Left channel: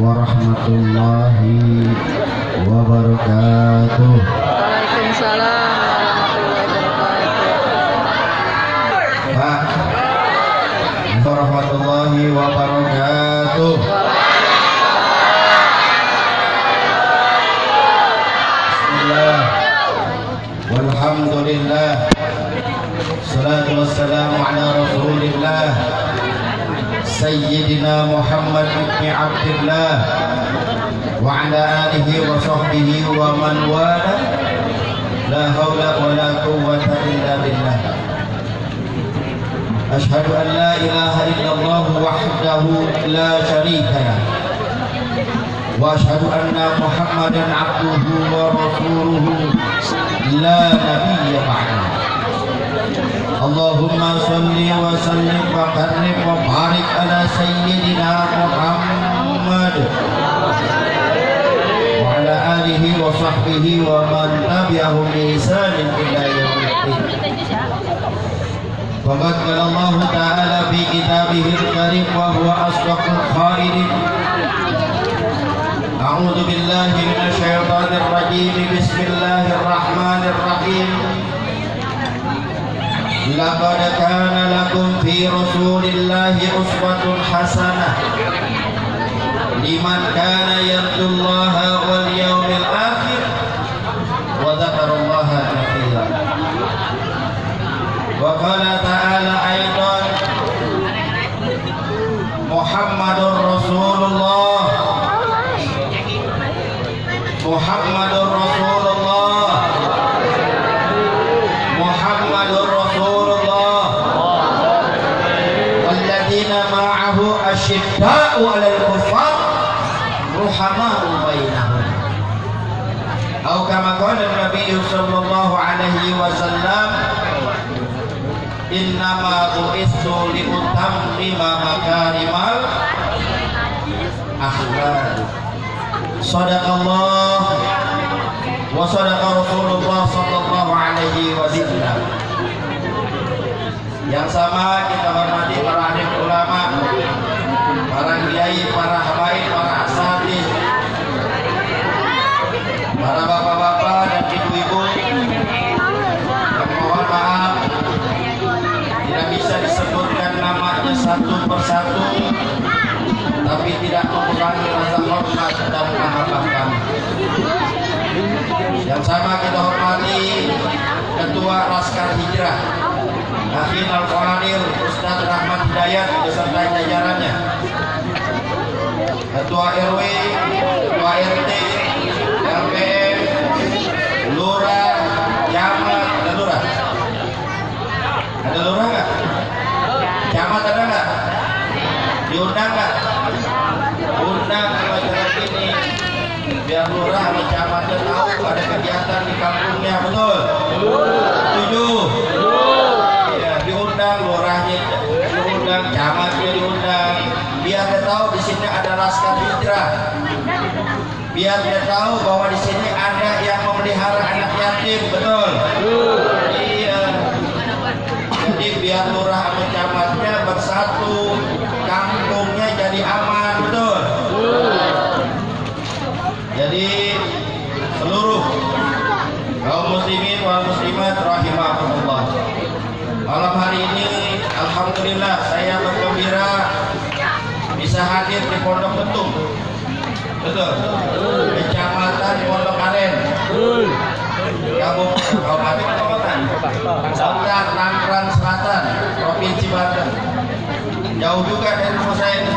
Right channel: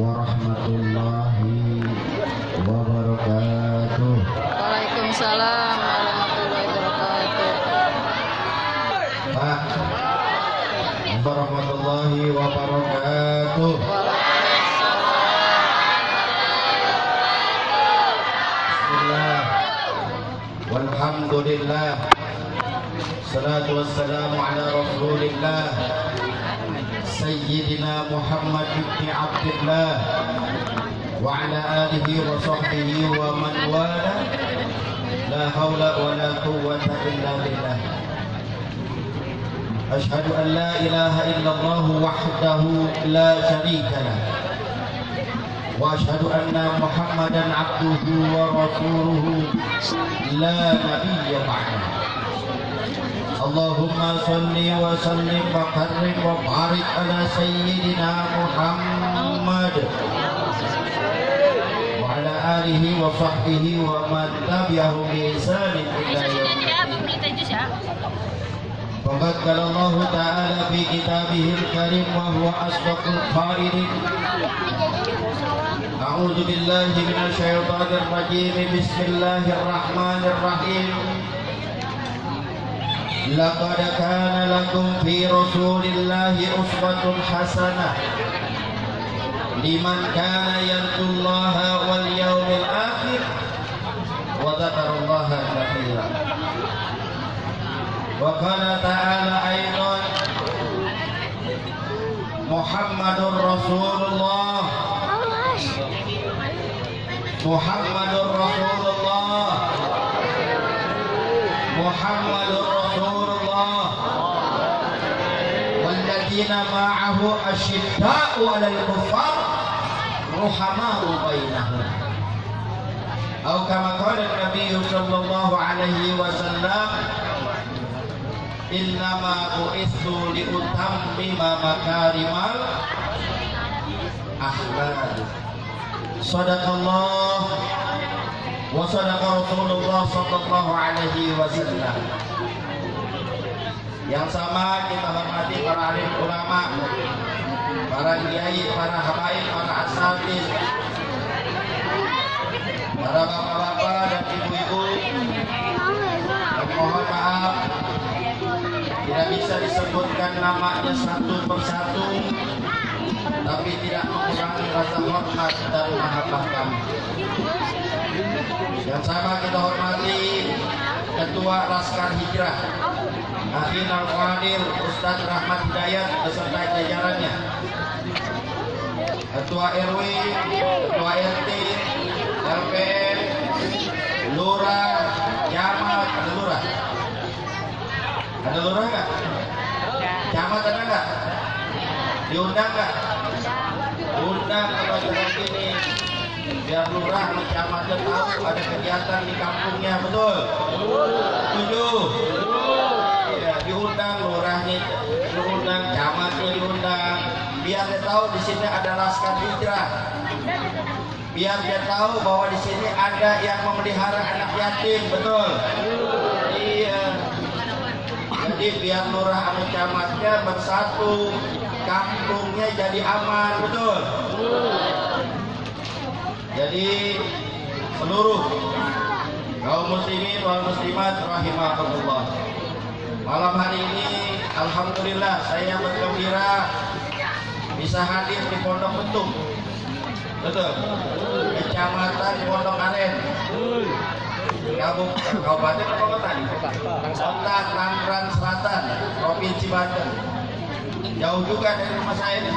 warahmatullahi wabarakatuh. Waalaikumsalam warahmatullahi wabarakatuh. Pak, warahmatullahi wabarakatuh. Bismillah, walhamdulillah, salatu wassalamu ala rasulillah, Sayyidina Muhammad ibn Abdullah wa ala alihi wa sahbihi wa man wala, la hawla wa la quwwata illa billah. Ashhadu an la ilaha illallah wahdahu la syarika lah, wa ashhadu anna Muhammadan abduhu wa rasuluhu la nabiyya ba'dahu. Allahumma salli wa sallim wa karrim wa barik ala sayyidina Muhammad wa ala alihi wa sahbihi wa man tabi'ahum bi ihsanin ila yaumil din. Faqad qala Allah ta'ala fi kitabihil karim wa huwa asdaqul qailin. A'udzu billahi minasy syaithanir rajim. Bismillahir rahmanir rahim. Laqad kana lakum fi rasulillahi uswatun hasanah liman kana yarjullaha wal yawmil akhir wa dzakarallaha katsiran. Wa qala ta'ala aidan Muhammadur Rasulullah, Muhammadur Rasulullah, Muhammadur Rasulullah, walladzina ma'ahu asyidda'u 'alal kuffar ruhama'u bainahum. Atau kama qala Nabi sallallahu alaihi wasallam, innama bu'istu liutammima makarimal akhlaq. Shadaqallah wa shadaqa Rasulullah sallallahu alaihi wasallam. Yang sama kita hormati para alim ulama, para kiai, para habaib, para asatidz, para bapak-bapak dan ibu-ibu. Mohon maaf tidak bisa disebutkan namanya satu persatu, tapi tidak mengurangi rasa hormat dan mahabbah kami. Yang sama kita hormati Ketua Laskar Hijrah Akhin Al-Fadil Ustaz Rahmat Hidayat beserta jajarannya, Ketua RW, Ketua RT, LPM, Lurah, Camat. Ada Lurah? Ada Lurah nggak? Camat ada nggak? Diundang nggak? Undang kalau acara gini, biar Lurah sama Camatnya tahu ada kegiatan di kampungnya, betul? Setuju? Ya, diundang Lurahnya, diundang Camatnya, diundang, biar dia tahu di sini ada Laskar Hijrah, biar dia tahu bahwa di sini ada yang memelihara anak yatim, betul? Iya. Jadi biar Lurah sama Camatnya bersatu, kampungnya jadi aman, betul? Jadi seluruh kaum muslimin wal muslimat rahimahumullah, malam hari ini alhamdulillah saya bergembira bisa hadir di Pondok Betung, betul? Kecamatan Pondok Aren, Kabupaten Kota Tangerang Selatan, Provinsi Banten. Jauh juga dari rumah saya ini,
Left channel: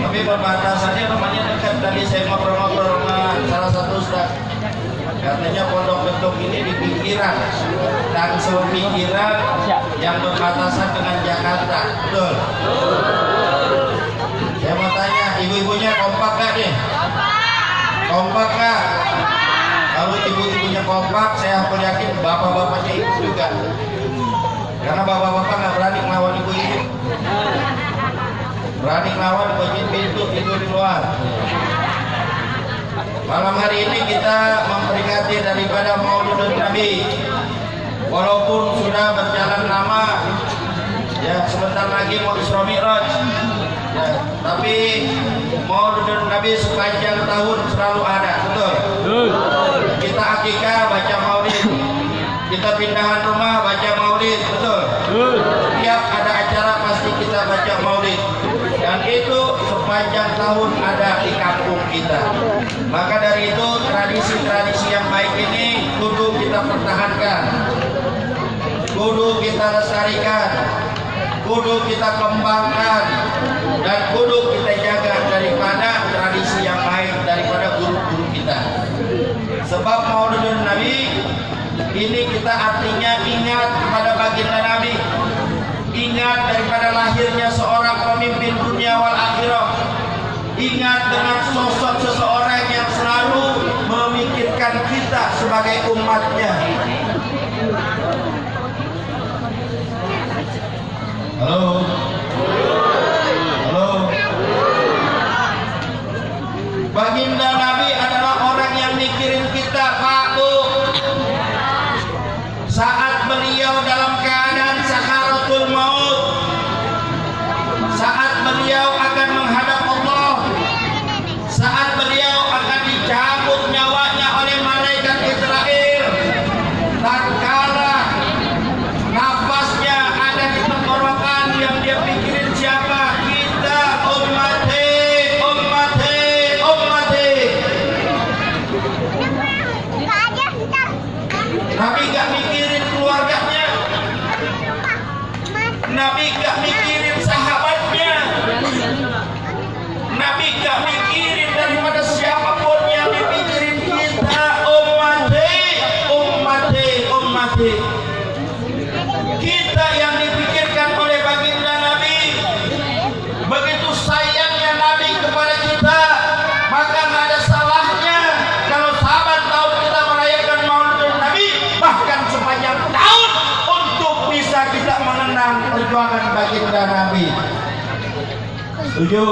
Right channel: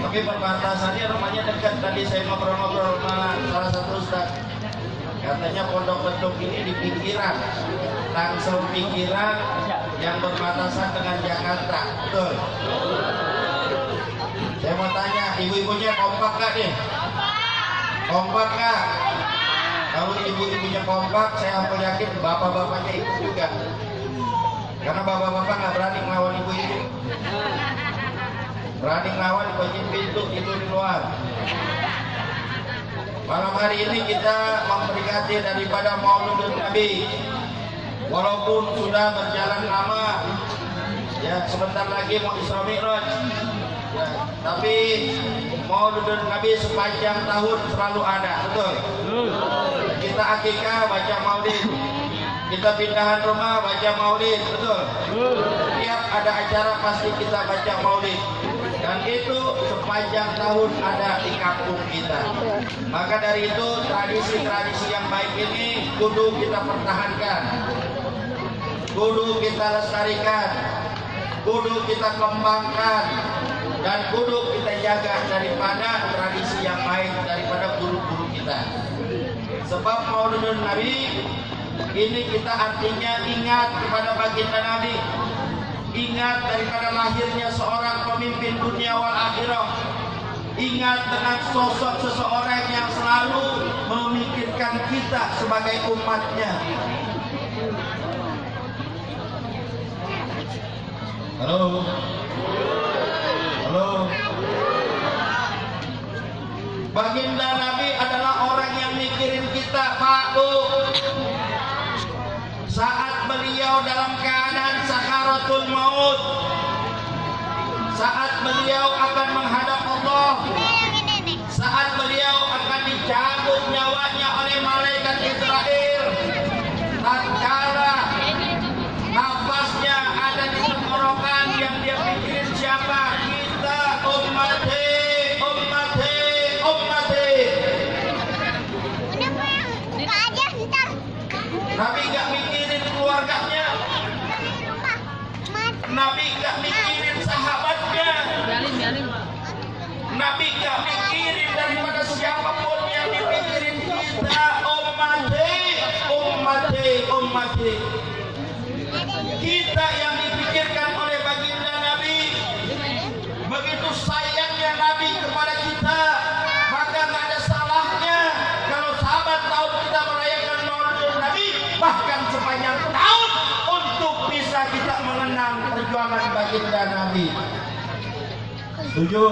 tapi perbatasannya namanya dekat. Tadi saya ngobrol-ngobrol sama salah satu ustaz, katanya Pondok Betung ini di pinggiran, Tangsel pinggiran yang berbatasan dengan Jakarta, betul? Saya mau tanya, ibu-ibunya kompak gak nih? Kompak gak? Kalau ibu-ibunya kompak, saya yakin bapak-bapaknya ikut juga. Karena bapak-bapak nggak berani melawan ibu-ibu, berani melawan di bagian pintu di luar. Malam hari ini kita memperingati daripada Maulidun Nabi, walaupun sudah berjalan lama, ya sebentar lagi mau Isra Mi'raj, ya, tapi Maulid Nabi sepanjang tahun selalu ada, betul? Kita akikah baca maulid, kita pindahan rumah baca maulid, betul? Tiap ada acara pasti kita baca maulid, dan itu sepanjang tahun ada di kampung kita. Maka dari itu tradisi-tradisi yang baik ini kudu kita pertahankan, kudu kita lestarikan, kudu kita kembangkan, dan kudu kita jaga daripada tradisi yang baik daripada guru-guru kita. Sebab Maulidun Nabi ini kita artinya ingat kepada baginda Nabi, ingat daripada lahirnya seorang pemimpin dunia wal akhirah, ingat dengan sosok seseorang yang selalu memikirkan kita sebagai umatnya. Halo. Halo. Baginda Nabi adalah orang yang mikirin kita, Pak, Bu. Saat beliau dalam keadaan sakaratul maut, saat beliau akan menghadap Allah, saat beliau akan dicabut nyawanya oleh malaikat Israel, tatkala nafasnya ada di tenggorokan, yang dia pikirin siapa? Kita, ummati, ummati, ummati. Nabi gak mikirin keluarganya, Nabi gak mikirin sahabatnya, Nabi gak mikirin daripada siapapun, yang dipikirin kita, ummati, ummati, ummati. Kita yang dipikirkan oleh baginda Nabi. Begitu sayangnya Nabi kepada kita, maka tidak ada salahnya kalau sahabat tahun kita merayakan Maulid Nabi, bahkan sepanjang tahun, untuk bisa kita mengenang perjuangan baginda Nabi. Setuju?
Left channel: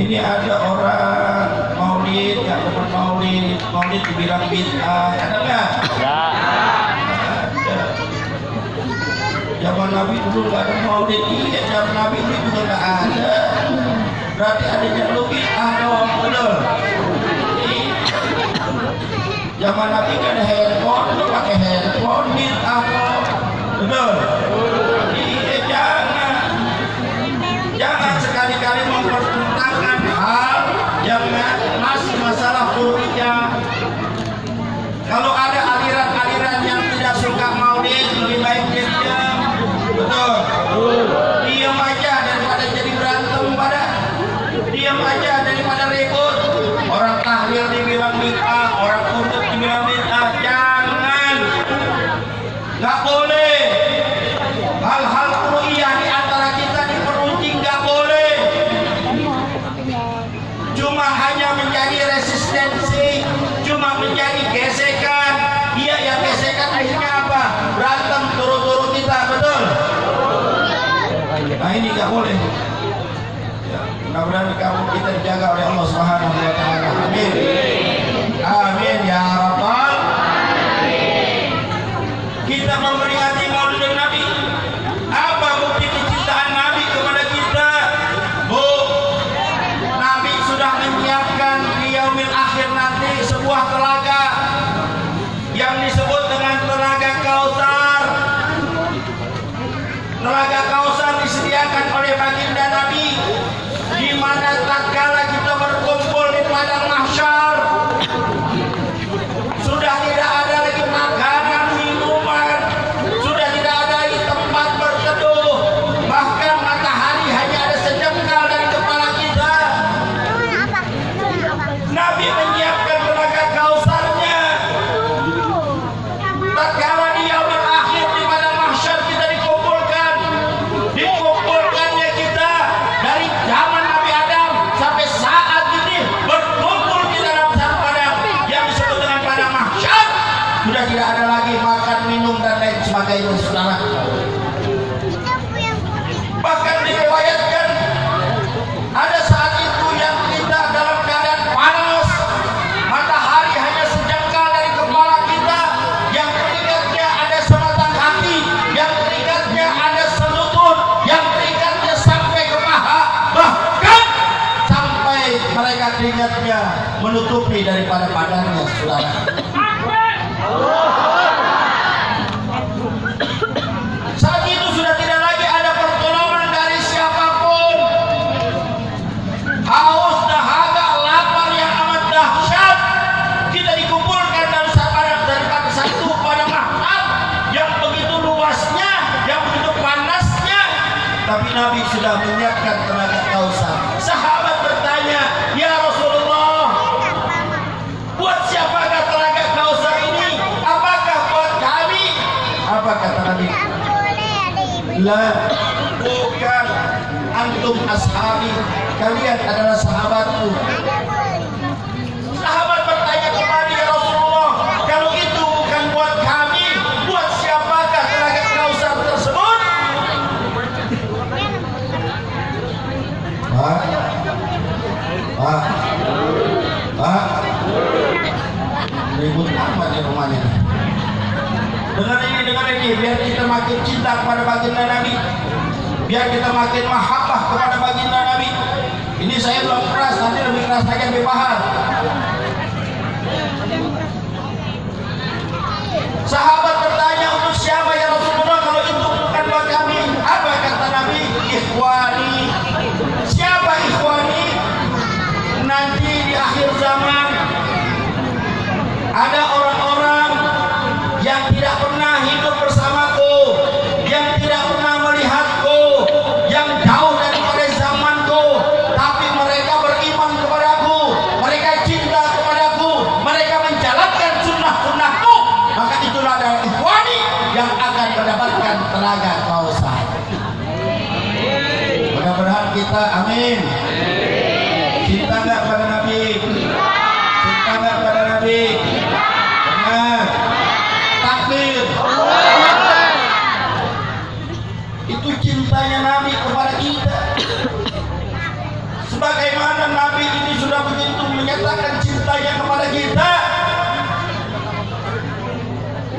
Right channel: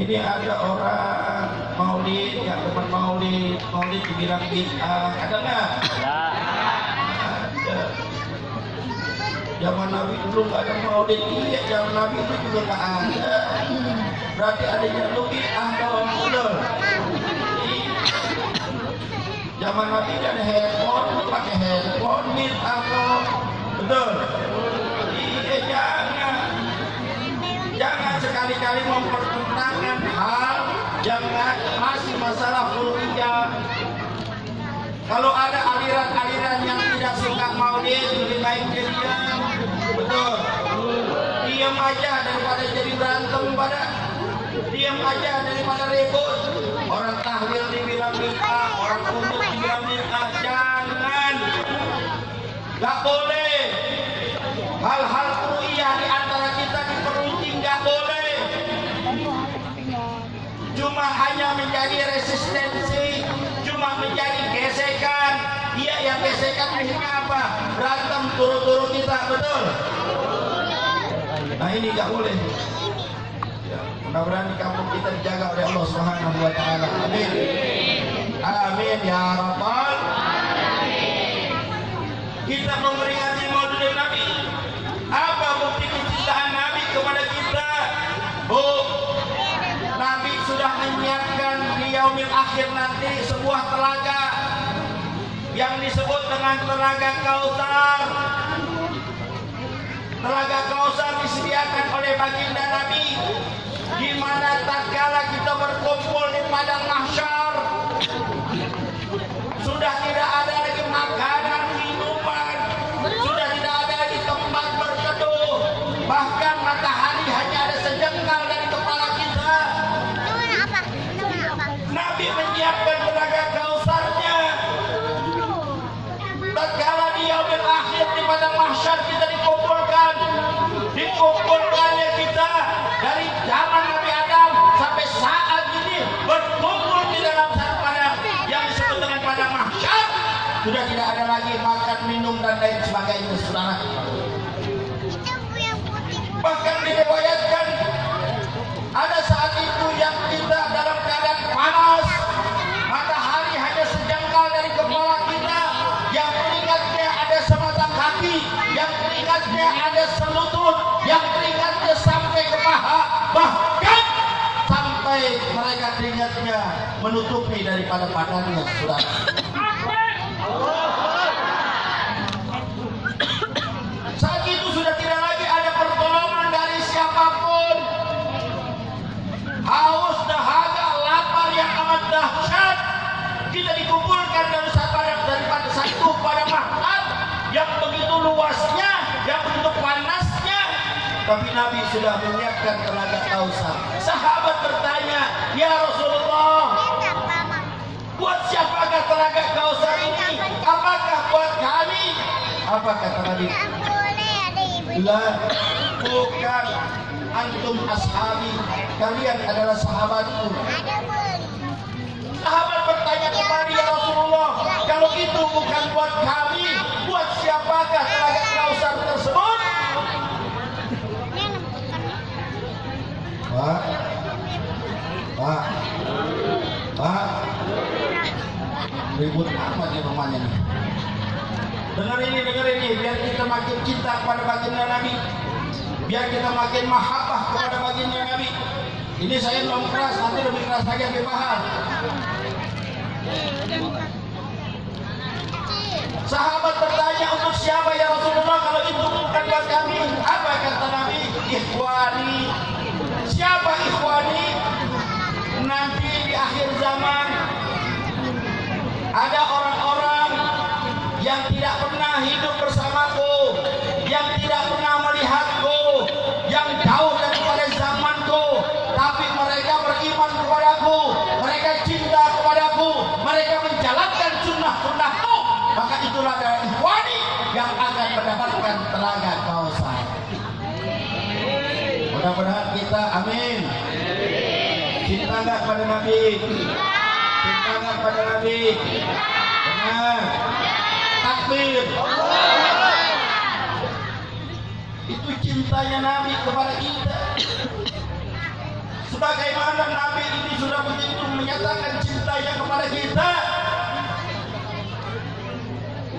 Ini ada orang maulid, yang teman maulid, maulid dibilang bid'ah, ada nggak? Ada. Zaman Nabi dulu nggak ada maulid, iya zaman Nabi itu juga nggak ada. Berarti adanya lu bid'ah dong, betul? Zaman Nabi nggak ada handphone, lu pakai handphone, bid'ah kok, betul? Iya, jangan sekali-kali mempertentangkan hal yang masih masalah furu'iyah. Kalau ada aliran-aliran yang tidak suka maulid, lebih baik dia diam, betul? Diam aja daripada jadi berantem pada, diam aja daripada ribut. Orang tahlil dibilang bid'ah, orang qunut dibilang bid'ah, jangan, nggak boleh. Hal-hal furu'iyah di antara kita diperuncing, nggak boleh. Cuma hanya menjadi resistensi, cuma menjadi gesekan. Iya, yang gesekan akhirnya apa? Berantem turu-turu kita, betul? Nah, ini nggak boleh. Ya, mudah-mudahan di kampung kita dijaga oleh Allah Subhanahu wa Ta'ala. Amin. Amin ya Rabbal. Kita memperingati Maulid Nabi. Apa bukti kecintaan Nabi kepada kita? Bu, Nabi sudah menyiapkan di yaumil akhir nanti sebuah telaga yang disebut dengan telaga Kautsar. Telaga Kautsar disediakan oleh baginda Nabi, di mana tatkala kita berkumpul di padang mahsyar, keringatnya menutupi daripada badannya, saudara. Saat itu sudah tidak lagi ada pertolongan dari siapapun. Haus, dahaga, lapar yang amat dahsyat, kita dikumpulkan daripada satu pada mahal yang begitu luasnya, yang begitu panasnya. Tapi Nabi sudah menyiapkan telaga Kausar. Sahabat bertanya, ya Rasulullah, buat siapakah telaga Kausar ini? Apakah buat kami? Apa kata Nabi? La, bukan. Antum ashabi, kalian adalah sahabatku. Sahabat bertanya kembali, ya Rasulullah, kalau itu bukan buat kami, buat siapakah telaga Kausar tersebut? Pak, ribut amat di rumahnya. Dengar ini, biar kita makin cinta kepada baginda Nabi, biar kita makin mahabbah kepada baginda Nabi. Ini saya belum keras, nanti lebih keras lagi lebih paham. Sahabat bertanya, untuk siapa ya Rasulullah kalau itu bukan buat kami? Apa kata Nabi? Ikhwani. Siapa ikhwani? Nanti di akhir zaman ada orang-orang yang tidak pernah hidup bersamaku, yang tidak pernah melihatku, yang jauh daripada zamanku, tapi mereka beriman kepadaku, mereka cinta kepadaku, mereka menjalankan sunnah-sunnahku. Maka itulah adalah ikhwani yang akan mendapatkan telaga Kausar. Mudah-mudahan kita, amin. Cinta nggak pada Nabi? Cinta nggak pada Nabi? Benar. Takbir. Itu cintanya Nabi kepada kita. Sebagaimana Nabi ini sudah begitu menyatakan cintanya kepada kita,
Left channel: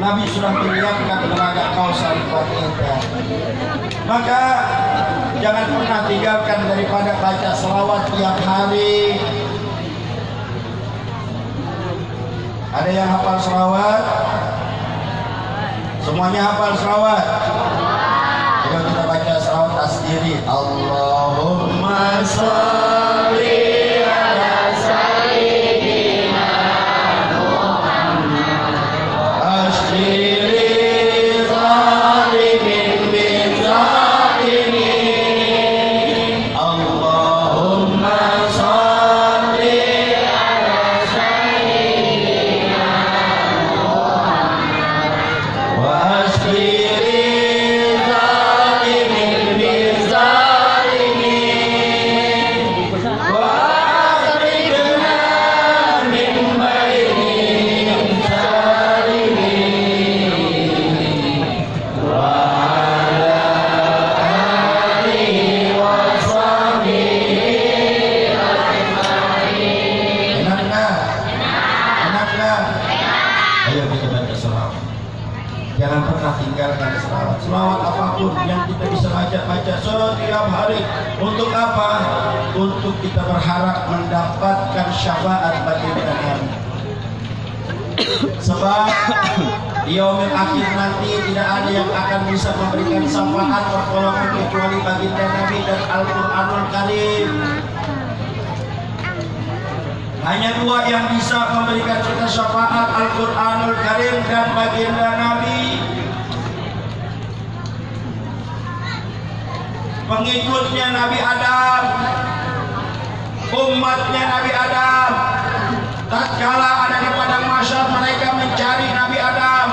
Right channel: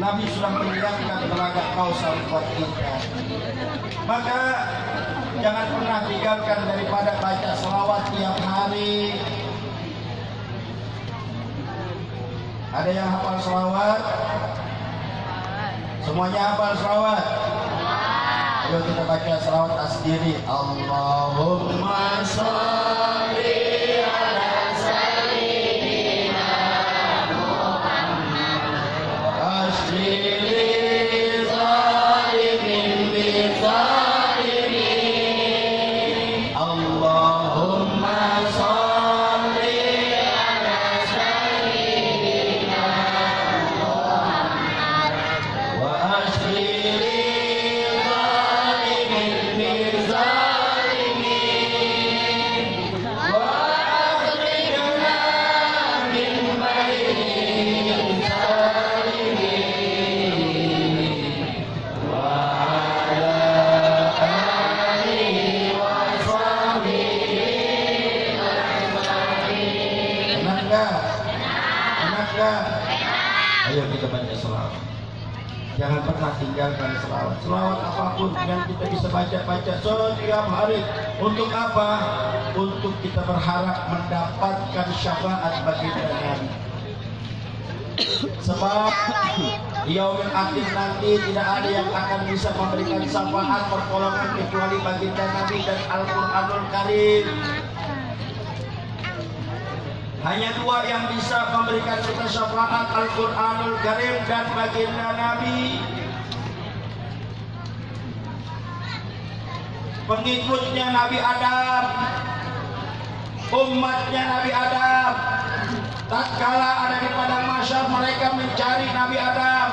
Nabi sudah menyiapkan telaga Kausar buat kita. Maka jangan pernah tinggalkan daripada baca selawat tiap hari. Ada yang hafal selawat? Semuanya hafal selawat? Ayo kita baca selawat tasdiri. Allahumma sholli ala sayyidina Muhammad asyril zalimin min zalimin. Allahumma sholli ala sayyidina Muhammad wa asyril zalimin min zalimin wa akhrijna min bainihim salimin wa ala alihi wa sahbihi ajma'in. Enak enggak? Enak enggak? Ayo kita baca selawat. Jangan pernah tinggalkan selawat. Selawat apapun yang kita bisa baca setiap hari. Untuk apa? Untuk kita berharap mendapatkan syafaat baginda Nabi. Sebab di yaumil akhir nanti tidak ada yang akan bisa memberikan syafaat pertolongan kecuali baginda Nabi dan Al-Qur'anul Karim. Hanya dua yang bisa memberikan kita syafaat, Al-Qur'anul Karim dan baginda Nabi. Pengikutnya Nabi Adam, umatnya Nabi Adam, tatkala ada di padang mahsyar mereka mencari Nabi Adam,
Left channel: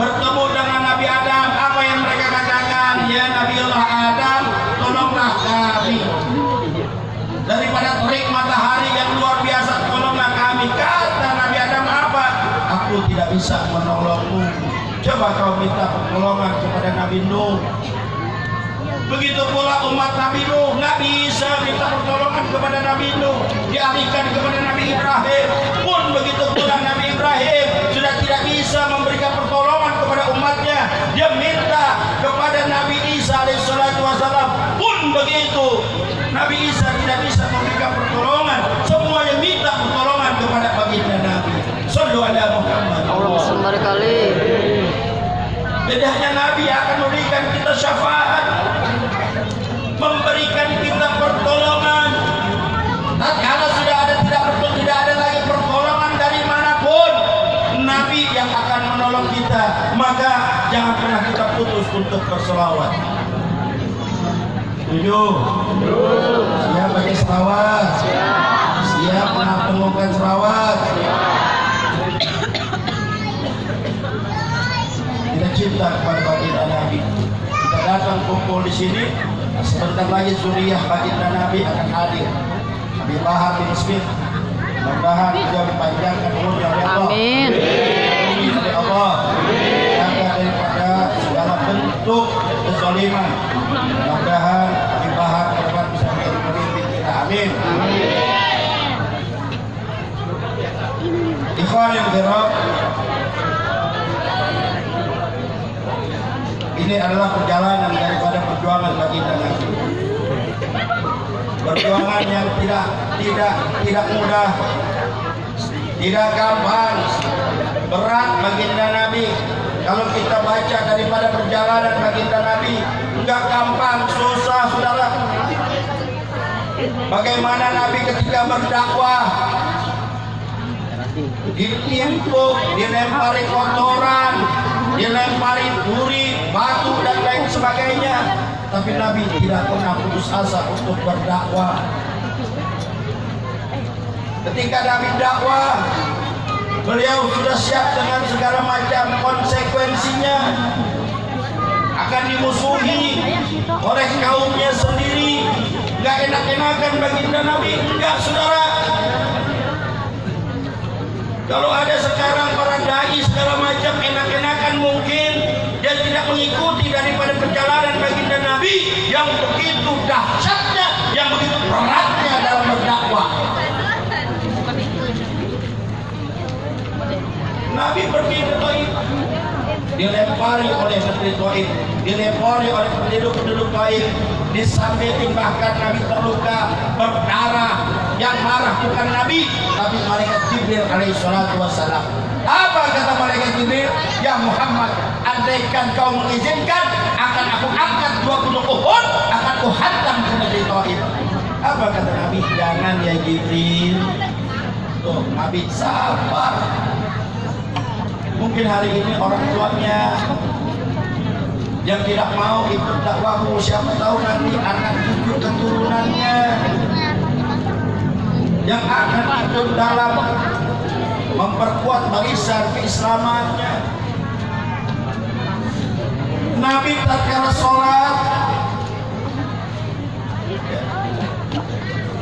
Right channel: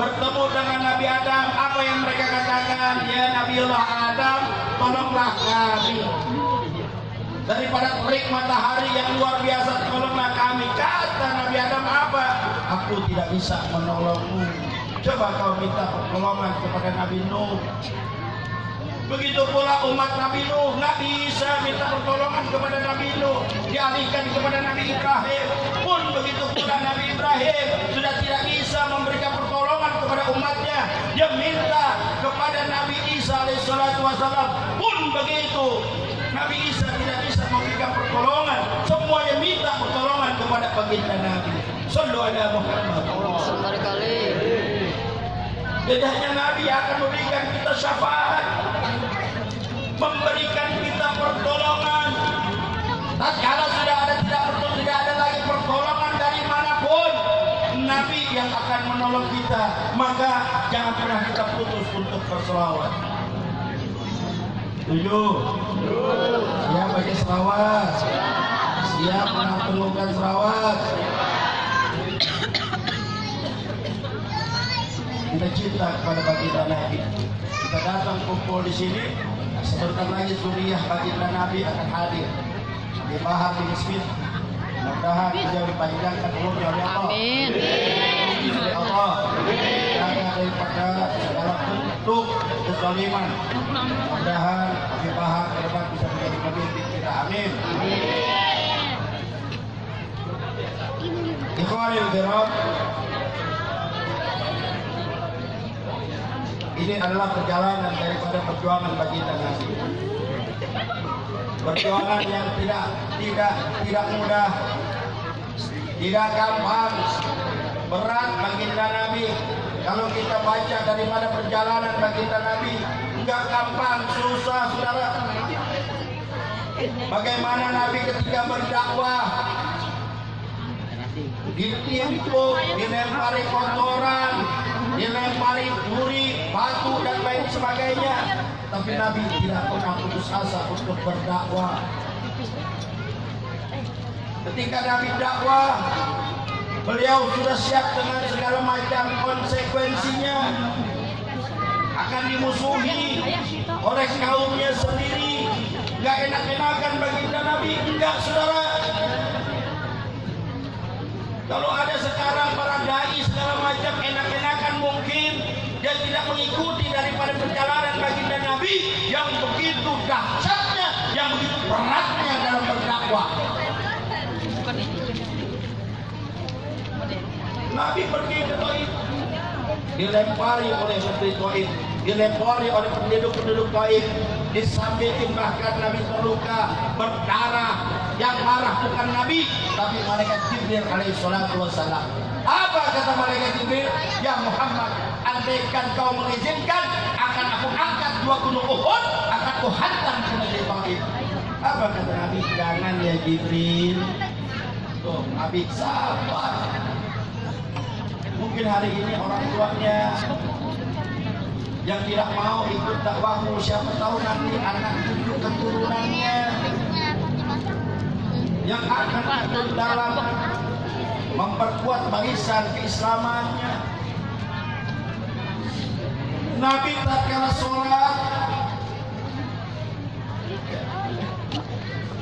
bertemu dengan Nabi Adam, apa yang mereka katakan? Ya Nabiullah Adam, tolonglah kami daripada terik matahari yang luar biasa, tolonglah kami. Kata Nabi Adam apa? Aku tidak bisa menolongmu. Coba kau minta pertolongan kepada Nabi Nuh. Begitu pula umat Nabi Nuh, nggak bisa minta pertolongan kepada Nabi Nuh, dialihkan kepada Nabi Ibrahim. Pun begitu pula Nabi Ibrahim sudah tidak bisa memberikan pertolongan kepada umatnya, dia minta kepada Nabi Isa alaihissalatu wassalam. Pun begitu, Nabi Isa tidak bisa memberikan pertolongan, semuanya minta Bedanya Nabi akan memberikan kita syafaat, memberikan kita pertolongan. Tatkala sudah tidak ada lagi pertolongan dari manapun, Nabi yang akan menolong kita. Maka jangan pernah kita putus untuk berselawat. Setuju? Siap baca selawat? Siap mengaturkan selawat? Kita cinta kepada baginda Nabi. Kita datang kumpul di sini. Sebentar lagi suriah baginda Nabi akan hadir. Nabi Bahar bin Smith. Mudah-mudahan dia dipanjangkan umurnya oleh Allah. Amin. Oleh Allah. Jaga daripada segala bentuk kezaliman. Mudah-mudahan Nabi Bahar ke depan bisa memimpin kita. Amin. Ikhwanul kiram, ini adalah perjalanan daripada perjuangan baginda Nabi. Perjuangan yang tidak mudah, tidak gampang, berat baginda Nabi. Kalau kita baca daripada perjalanan baginda Nabi, enggak gampang, susah saudara. Bagaimana Nabi ketika berdakwah, ditimpuk, dilempari kotoran, dilempari duri, batu dan lain sebagainya, tapi Nabi tidak pernah putus asa untuk berdakwah. Ketika Nabi dakwah, beliau sudah siap dengan segala macam konsekuensinya, akan dimusuhi oleh kaumnya sendiri. Enggak enak-enakan baginda Nabi, enggak saudara. Kalau ada sekarang para dai segala macam enak-enakan, mungkin dia tidak mengikuti daripada perjalanan baginda Nabi yang begitu dahsyatnya, yang begitu beratnya dalam berdakwah. Nabi pergi ke Taif, dilempari oleh negeri Taif, dilempari oleh penduduk Taif, disambitin, bahkan Nabi terluka berdarah. Yang marah bukan Nabi, tapi malaikat Jibril alaihi salatu wassalam. Apa kata malaikat Jibril? Ya Muhammad, andaikan kau mengizinkan, akan aku angkat dua gunung Uhud, akan kuhantam ke negeri Taif. Apa kata Nabi? Jangan ya Jibril. Tuh, Nabi sabar. Mungkin hari ini orang tuanya yang tidak mau ikut dakwahmu, siapa tahu nanti anak cucu keturunannya yang akan ikut dalam memperkuat barisan keislamannya. Nabi tatkala sholat,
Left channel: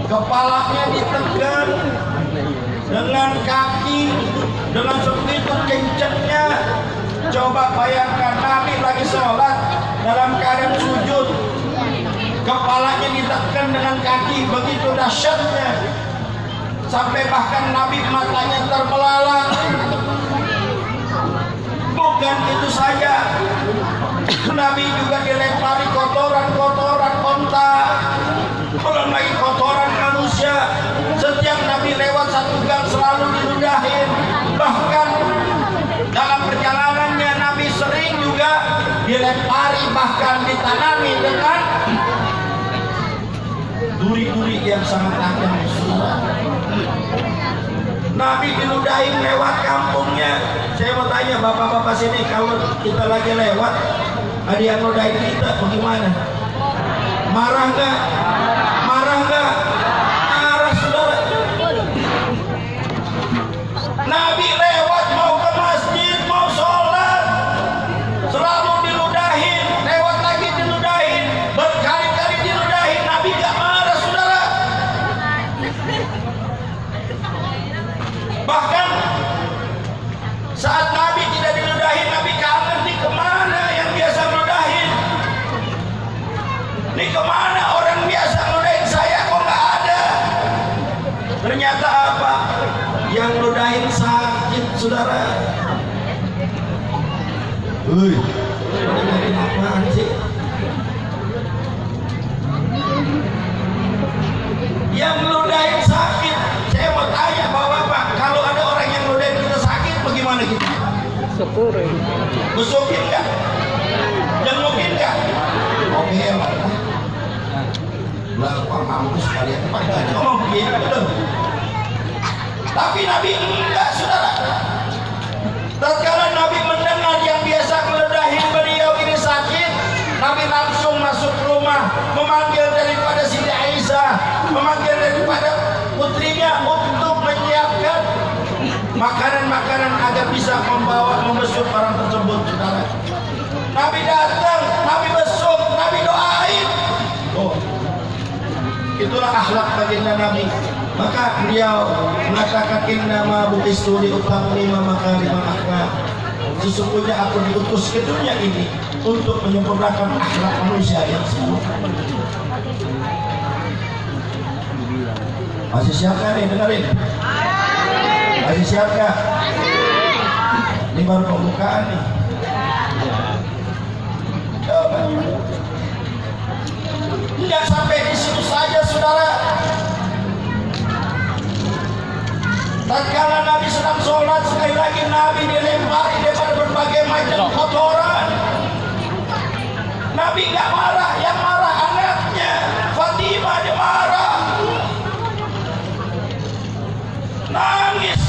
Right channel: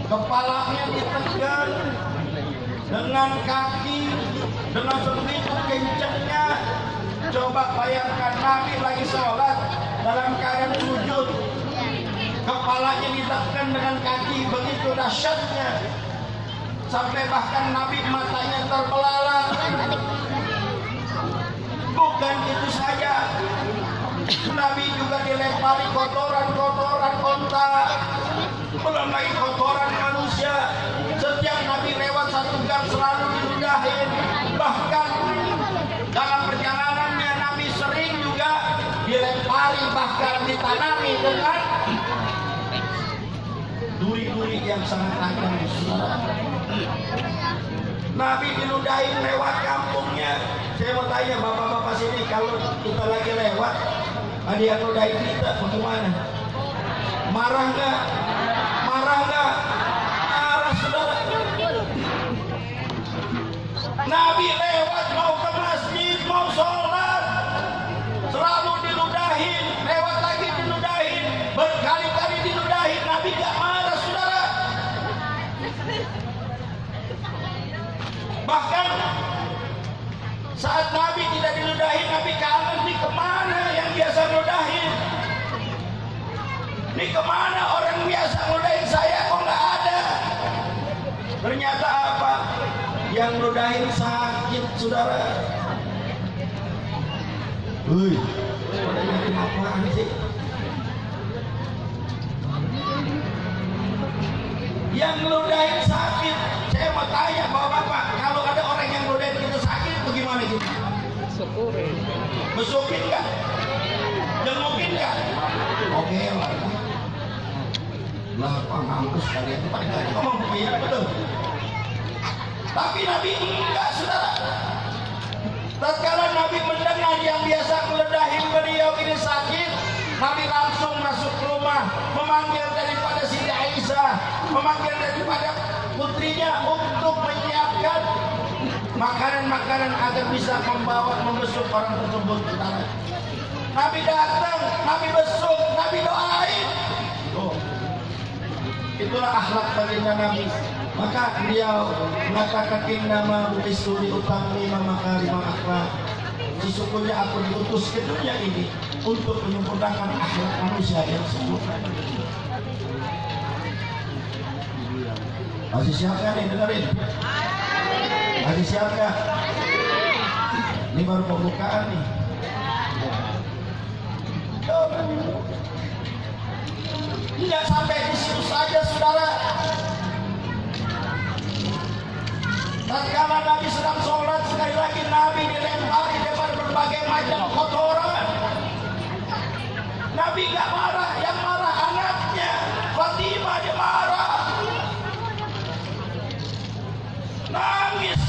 kepalanya ditekan dengan kaki, dengan sebegitu kencangnya. Coba bayangkan Nabi lagi sholat dalam keadaan sujud, kepalanya ditekan dengan kaki, begitu dahsyatnya, sampai bahkan Nabi matanya terbelalak. Bukan itu saja, Nabi juga dilempari kotoran-kotoran onta, belum lagi kotoran manusia. Setiap Nabi lewat satu gang selalu diludahin. Bahkan dalam perjalanannya Nabi sering juga dilempari, bahkan ditanami dengan duri-duri yang sangat tajam. Nabi diludahin lewat kampungnya. Saya mau tanya bapak-bapak sini, kalau kita lagi lewat ada yang ludahin kita, bagaimana? Marah nggak? Marah nggak? Marah saudara. Nabi lewat mau ke masjid, mau sholat, selalu diludahin, lewat lagi diludahin, berkali-kali diludahin. Nabi nggak marah saudara. Bahkan saat Nabi tidak diludahin, Nabi kangen nih, kemana yang biasa meludahin? Nih kemana orang biasa meludahin saya, kok nggak ada? Ternyata apa? Yang meludahin sakit saudara. Wih, meludahin apaan sih? Yang meludahin sakit. Saya mau tanya bapak-bapak, kalau ada orang yang meludahin kita sakit, bagaimana kita? Syukurin. Musuhin nggak? bela lah apa mampus kalian ngomong begitu. Tapi Nabi enggak, saudara. Tatkala Nabi mendengar yang biasa ngeledahin beliau ini sakit, Nabi langsung masuk rumah, memanggil daripada Siti Aisyah, memanggil daripada putrinya untuk menyiapkan makanan-makanan agar bisa membesuk orang tersebut, saudara. Nabi datang, Nabi besuk, Nabi doain. Oh, itulah akhlak baginda Nabi. Maka beliau mengatakan innama bu'istu liutammima makarimah akhlak. Sesungguhnya aku diutus ke dunia ini untuk menyempurnakan akhlak manusia yang sempurna. Masih siap kan nih dengerin? Masih siap gak? Ini baru pembukaan nih. Coba. Tidak sampai di situ saja, saudara. Tatkala Nabi sedang sholat, sekali lagi Nabi dilempari daripada berbagai macam kotoran. Nabi gak marah, yang marah anaknya Fatimah, dia marah, nangis.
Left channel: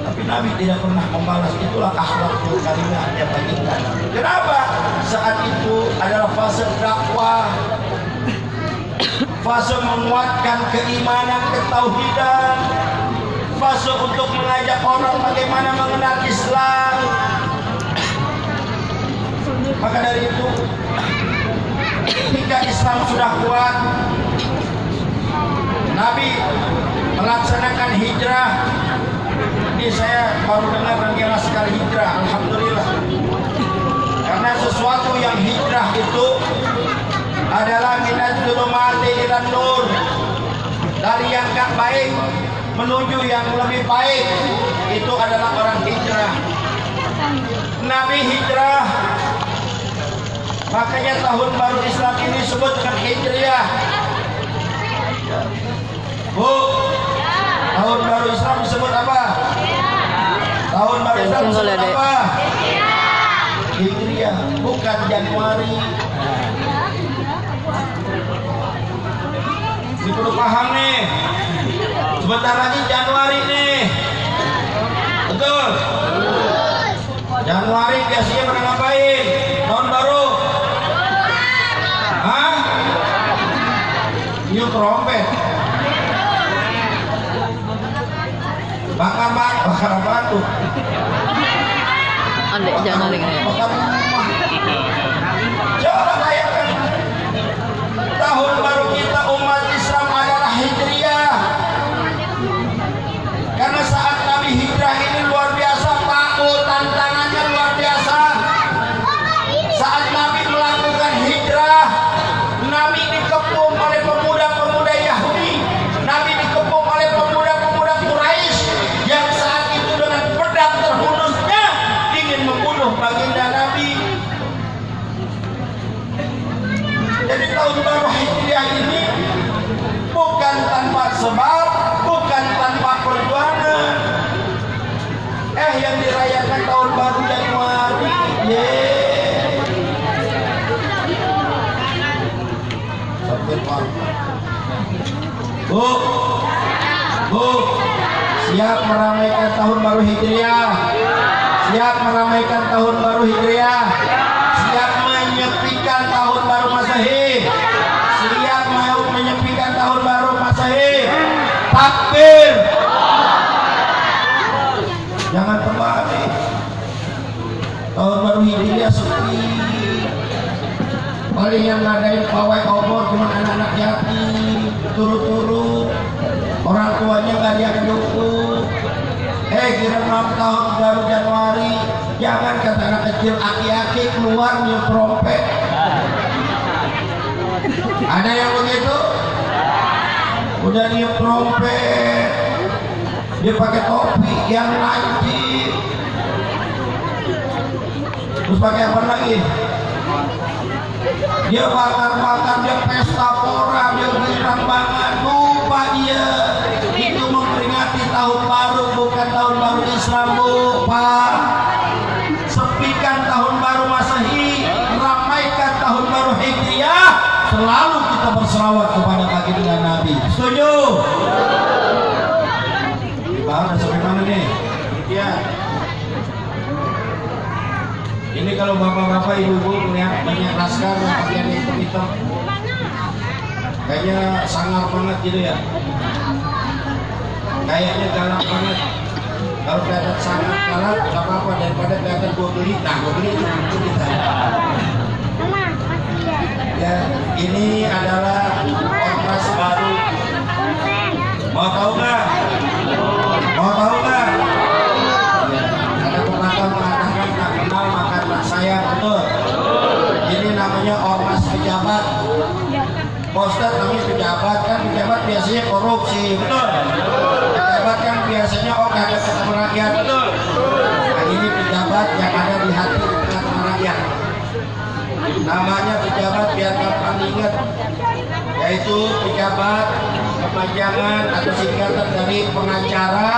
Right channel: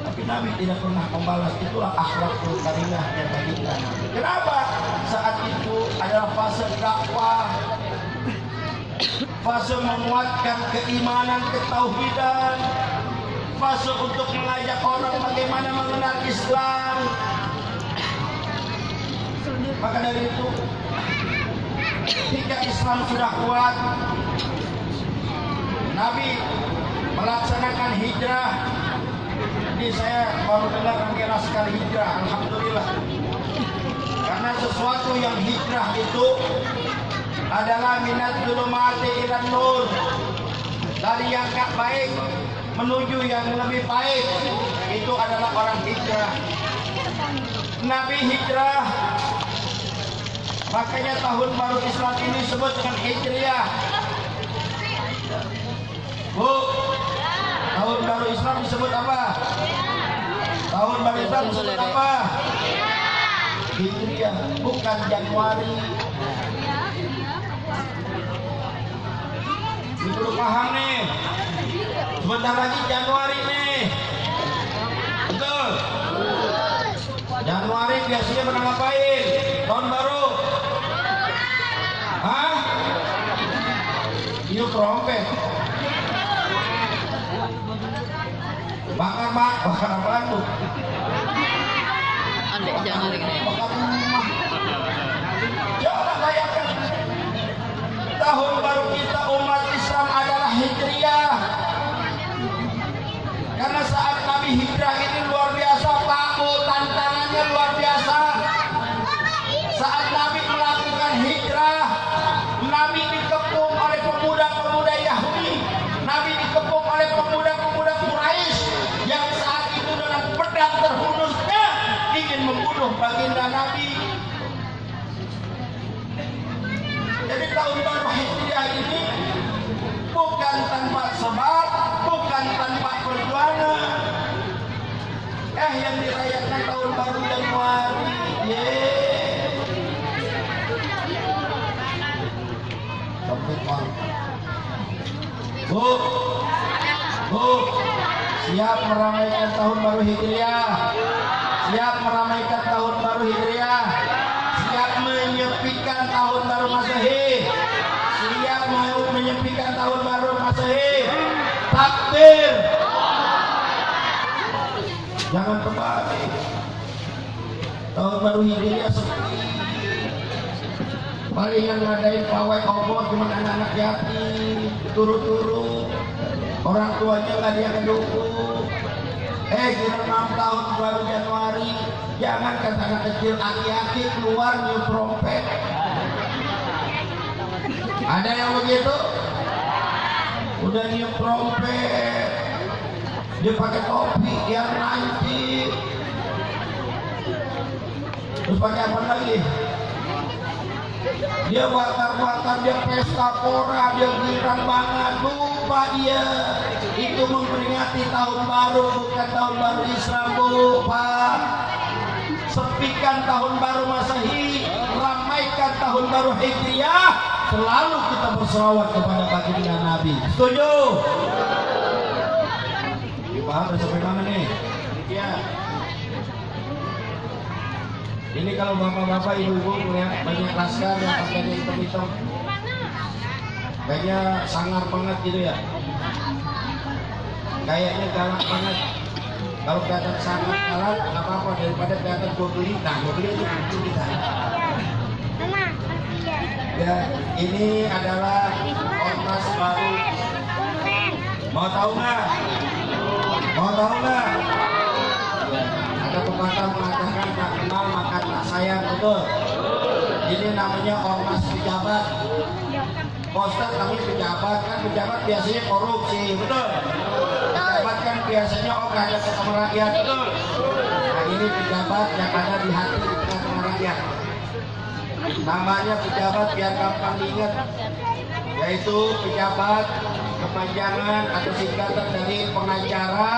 Tapi Nabi tidak pernah membalas. Itulah akhlakul karimahnya baginda. Kenapa? Saat itu adalah fase dakwah, fase menguatkan keimanan, ketauhidan, fase untuk mengajak orang bagaimana mengenal Islam. Maka dari itu, ketika Islam sudah kuat, Nabi melaksanakan hijrah. Ini saya baru dengar Rangkaian Laskar Hijrah, alhamdulillah. Karena sesuatu yang hijrah itu adalah minat zulumati ilan nur, dari yang gak baik menuju yang lebih baik. Itu adalah orang hijrah. Nabi hijrah, makanya tahun baru Islam ini disebut dengan Hijriah. Bu, tahun baru Islam disebut apa? Tahun baru Islam disebut apa? Hijriah, bukan Januari. Ini perlu paham nih. Sebentar lagi Januari nih. Betul? Januari biasanya pada ngapain? Tahun baru? Hah? Niup trompet. Bakar batu. Januari. Bakar rumah. Coba bayangkan. Tahun baru kita umat Islam adalah Hijriah. Karena saat Nabi hijrah ini luar biasa, tantangannya luar biasa. Saat Nabi melakukan hijrah, Nabi dikepung oleh pemuda-pemuda Yahudi, Nabi dikepung oleh pemuda-pemuda Quraisy yang saat itu dengan pedang terhunusnya ingin membunuh baginda Nabi. Jadi tahun baru Hijriah ini bukan tanpa sebab, bukan tanpa perjuangan. Yang dirayakan tahun baru Januari. Bu, siap meramaikan tahun baru Hijriah? Siap meramaikan tahun baru Hijriah? Siap menyepikan tahun baru Masehi? Siap mau menyepikan tahun baru Masehi? Takbir! Jangan terbalik. Tahun baru Hijriah sepi. Paling yang ngadain pawai obor cuma anak-anak yatim, turu-turu, orang tuanya nggak dia ngedukung. Kira tahun baru Januari, jangan kata anak kecil aki-aki keluar niup trompet. Ada yang begitu? Udah niup trompet, dia pakai topi yang lancip, terus pakai apa lagi? Dia bakar-bakar, dia pesta pora, dia girang banget. Lupa dia itu memperingati tahun baru, bukan tahun baru Islam. Lupa. Sepikan tahun baru Masehi, ramai baru Hijriah selalu kita berselawat kepada baginda Nabi. Setuju? Bahas sampai mana nih? Ya. Ini kalau bapak-bapak, ibu-ibu melihat banyak laskar yang pakaian hitam-hitam, kayaknya sangar banget gitu ya. Kayaknya galak banget. Kalau kelihatan sangat galak, nggak apa-apa daripada kelihatan gua beli. Nah, gua beli itu untuk kita. Ya, ini adalah ormas baru. Mau tahu nggak? Mau tahu nggak? Ya, ada pepatah mengatakan tak kenal maka tak sayang, betul. Ini namanya ormas pejabat. Poster kami pejabat, kan pejabat biasanya korupsi, betul. Pejabat kan biasanya kagak ketemu rakyat, betul. Nah, ini pejabat yang ada di hati di tengah-tengah rakyat. Namanya pejabat biar gampang diingat, yaitu pejabat kepanjangan atau singkatan dari pengacara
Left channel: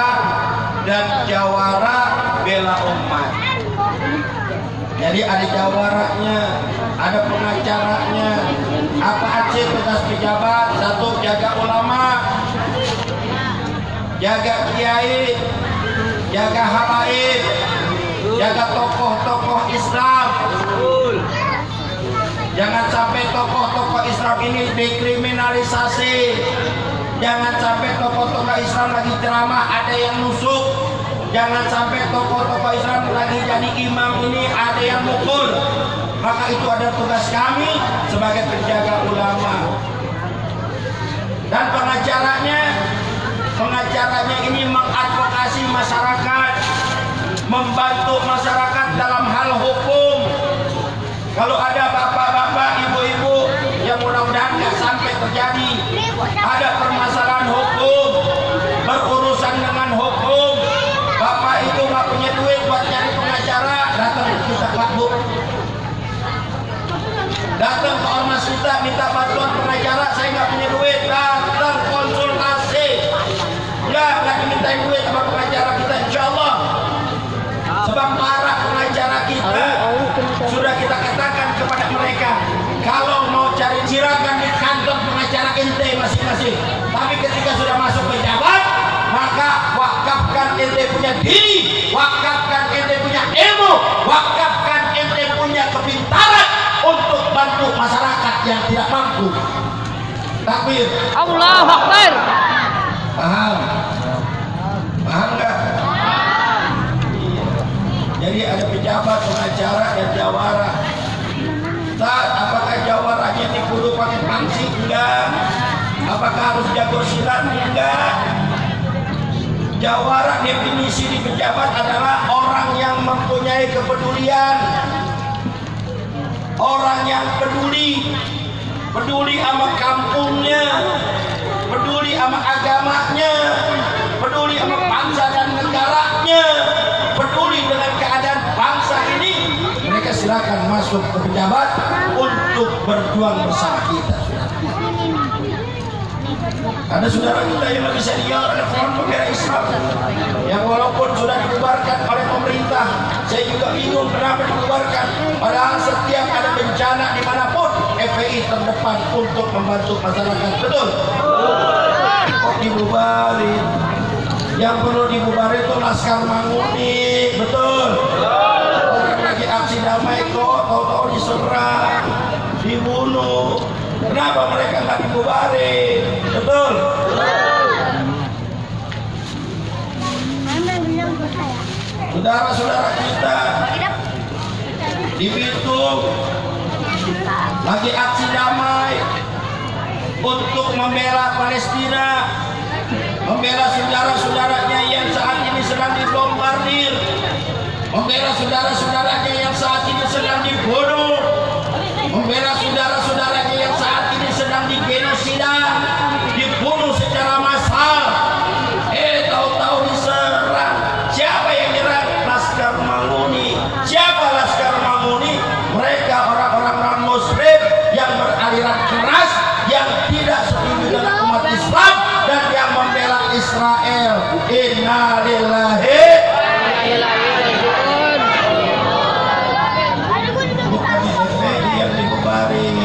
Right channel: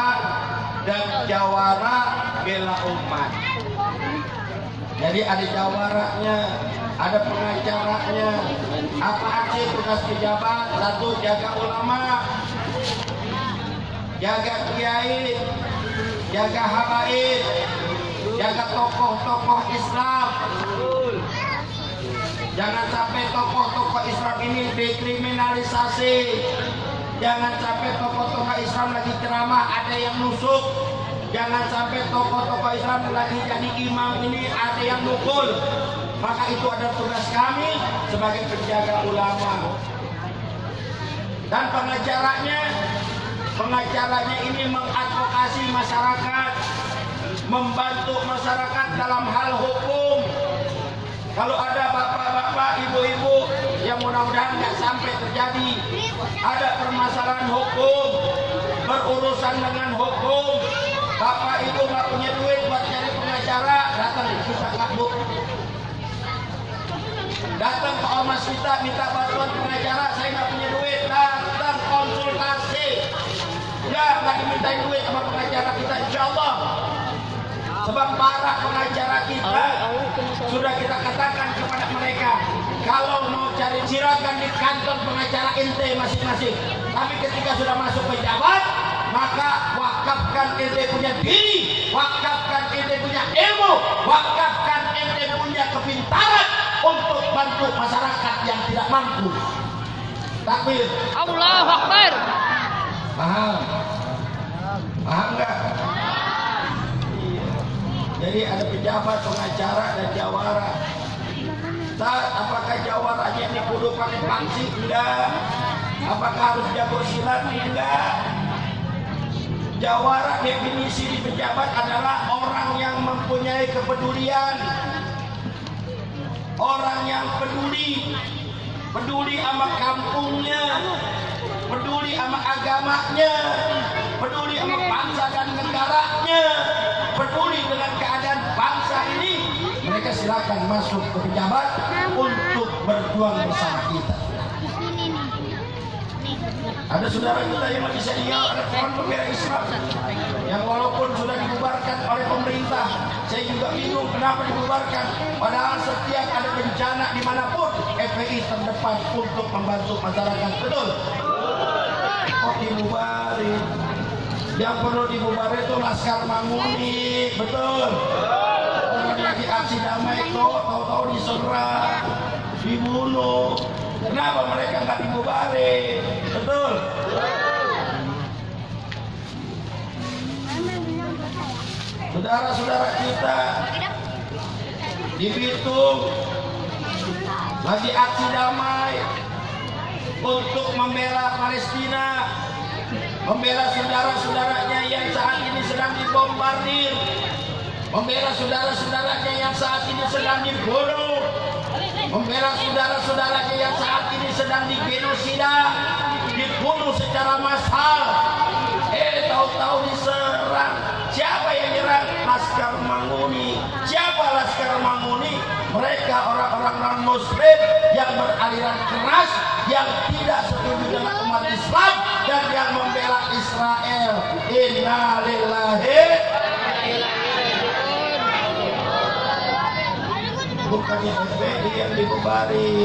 dan jawara bela umat. Jadi ada jawaranya, ada pengacaranya. Apa aja tugas pejabat? Satu, jaga ulama, jaga kiai, jaga habaib, jaga tokoh-tokoh Islam. Jangan sampai tokoh-tokoh Islam ini dikriminalisasi. Jangan sampai tokoh-tokoh Islam lagi ceramah ada yang nusuk. Jangan sampai tokoh-tokoh Islam lagi jadi imam ini ada yang mukul. Maka itu adalah tugas kami sebagai penjaga ulama. Dan pengacaranya ini mengadvokasi masyarakat, membantu masyarakat dalam hal hukum. Kalau ada bapak-bapak, ibu-ibu yang mudah-mudahan nggak sampai terjadi, ada permasalahan hukum, berurusan dengan hukum, bapak itu nggak punya duit buat cari pengacara, datang kita Pak Bu. Datang ke ormas kita minta bantuan pengacara, saya nggak punya duit, datang konsultasi. Nggak dimintain duit sama pengacara kita, insya Allah. Sebab para pengacara kita sudah kita katakan kepada mereka, kalau mau cari silakan di kantor pengacara ente masing-masing. Tapi ketika sudah masuk pejabat, maka wakafkan ente punya diri, wakafkan ente punya ilmu, wakafkan ente punya kepintaran untuk bantu masyarakat yang tidak mampu. Takbir. Allahu Akbar. Paham? Paham nggak? Jadi ada pejabat, pengacara, dan jawara. Apakah jawaranya dikudu pakai pangsi? Enggak. Apakah harus jago silat? Enggak. Jawara definisi di pejabat adalah orang yang mempunyai kepedulian, orang yang peduli sama kampungnya, peduli sama agamanya, peduli sama bangsa dan negaranya, peduli dengan keadaan bangsa ini. Mereka silakan masuk ke pejabat untuk berjuang bersama kita. Ada saudara kita yang lebih senior, ada Front Pembela Islam yang walaupun sudah dibubarkan oleh pemerintah, saya juga bingung kenapa dibubarkan. Padahal setiap ada bencana dimanapun, FPI terdepan untuk membantu masyarakat. Betul? Kok dibubarin? Yang perlu dibubarin itu Laskar Manguni. Betul? Orang lagi aksi damai kok, tahu-tahu diserang, dibunuh. Kenapa mereka nggak dibubarin? Betul? Saudara-saudara kita di Bitung lagi aksi damai untuk membela Palestina, membela saudara-saudaranya yang saat ini sedang dibombardir, membela saudara-saudaranya yang saat ini sedang dibunuh, membela saudara-saudaranya yang saat ini sedang digenosida, dibunuh secara massal. Tahu-tahu diserang. Siapa yang nyerang? Laskar Manguni. Siapa Laskar Manguni? Mereka orang-orang non-muslim yang beraliran keras, yang tidak setuju dengan umat Islam dan yang membela Israel. Innalillahi. Bukan FPI yang dibubarin.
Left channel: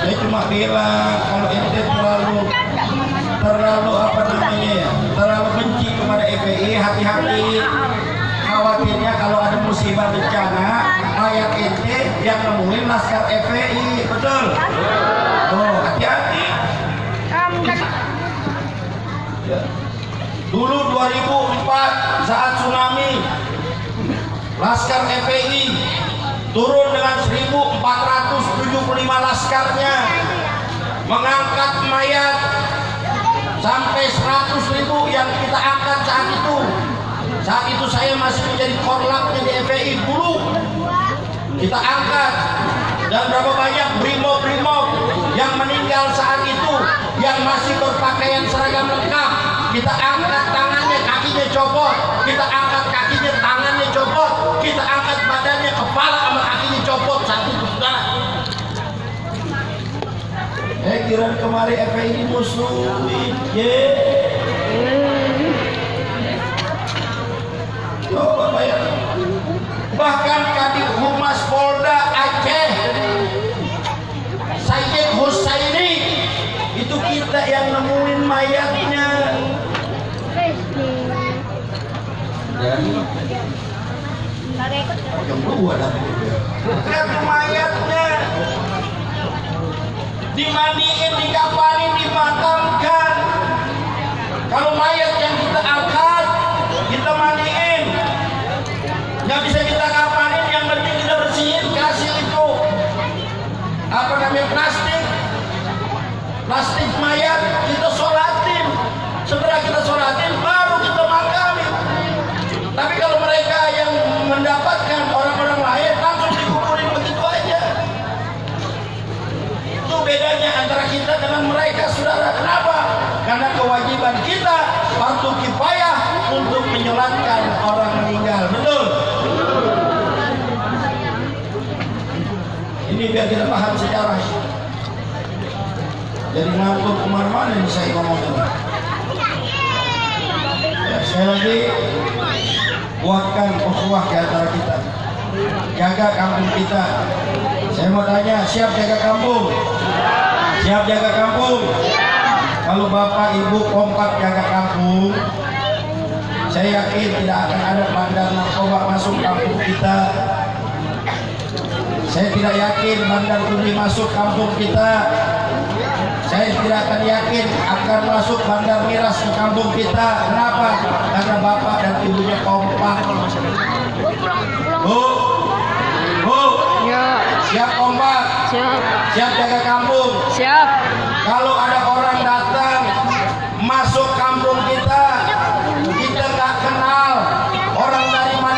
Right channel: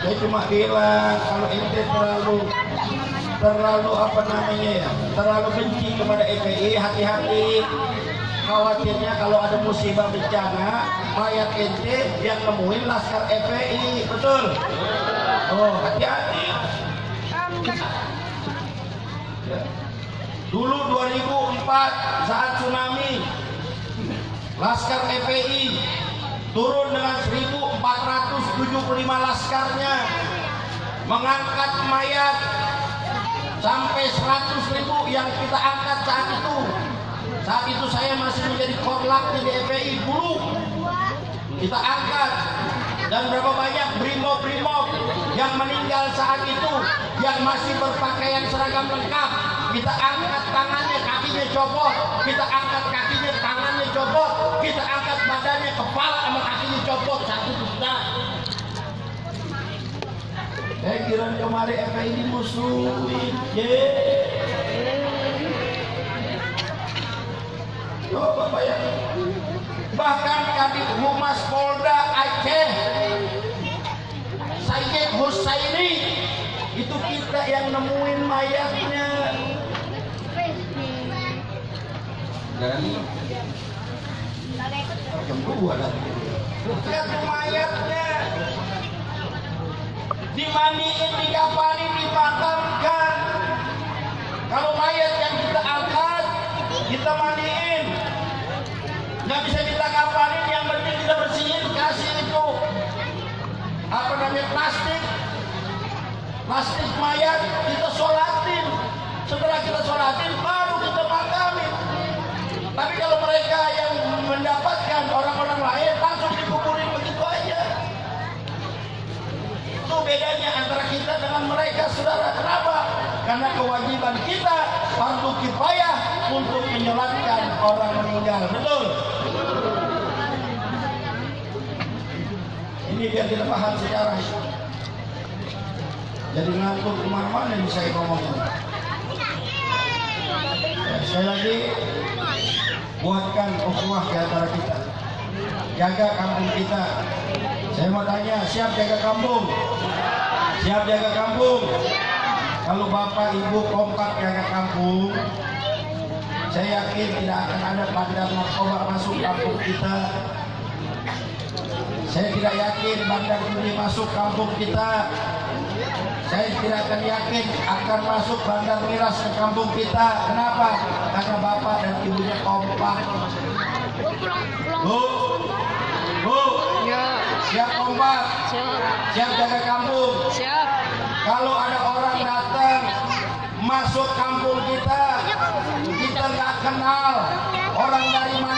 Saya cuma bilang kalau ente terlalu apa namanya ya, terlalu benci kepada FPI, hati-hati. Khawatirnya kalau ada musibah bencana, mayat ente yang nemuin laskar FPI, betul? Oh, hati-hati. Ya. Dulu 2004 saat tsunami, laskar FPI turun dengan 1.475 laskarnya, mengangkat mayat sampai 100.000 yang kita angkat saat itu. Saat itu saya masih menjadi korlapnya di FPI dulu. Kita angkat, dan berapa banyak brimob-brimob yang meninggal saat itu, yang masih berpakaian seragam lengkap. Kita angkat tangannya, kakinya copot. Kita angkat kakinya, tangannya copot. Kita angkat badannya, kepala sama kakinya copot. Saat itu sudah. Kira kemarin FPI musuhin. Coba bayangin. Bahkan Kadif Humas Polda Aceh, Sayyid Husaini, itu kita yang nemuin mayatnya. Yang kedua lihat mayatnya, dimandiin, dikafanin, dimakamkan. Kalau mayat yang kita angkat, kita mandiin, nggak bisa kita kafanin, yang penting kita bersihin, kasih itu apa namanya, plastik mayat, kita sholatin. Setelah kita sholatin, baru kita makamin. Tapi kalau mereka yang mendapatkan orang-orang lain langsung dikuburin begitu aja. Itu bedanya antara kita dengan mereka, saudara. Kenapa? Karena kewajiban kita fardu kifayah untuk menyolatkan orang meninggal. Betul? Ini biar kita paham sejarah. Jadi ngantuk kemana-mana ini saya ngomongin. Ya, sekali lagi, kuatkan ukhuwah di antara kita. Jaga kampung kita. Saya mau tanya, siap jaga kampung? Siap jaga kampung? Kalau bapak ibu kompak jaga kampung, saya yakin tidak akan ada bandar narkoba masuk kampung kita. Saya tidak yakin bandar judi masuk kampung kita. Saya tidak akan yakin akan masuk bandar miras ke kampung kita. Kenapa? Karena bapak dan ibunya kompak. Bu, Ya, siap kompak? siap. Siap jaga kampung? Siap. Kalau ada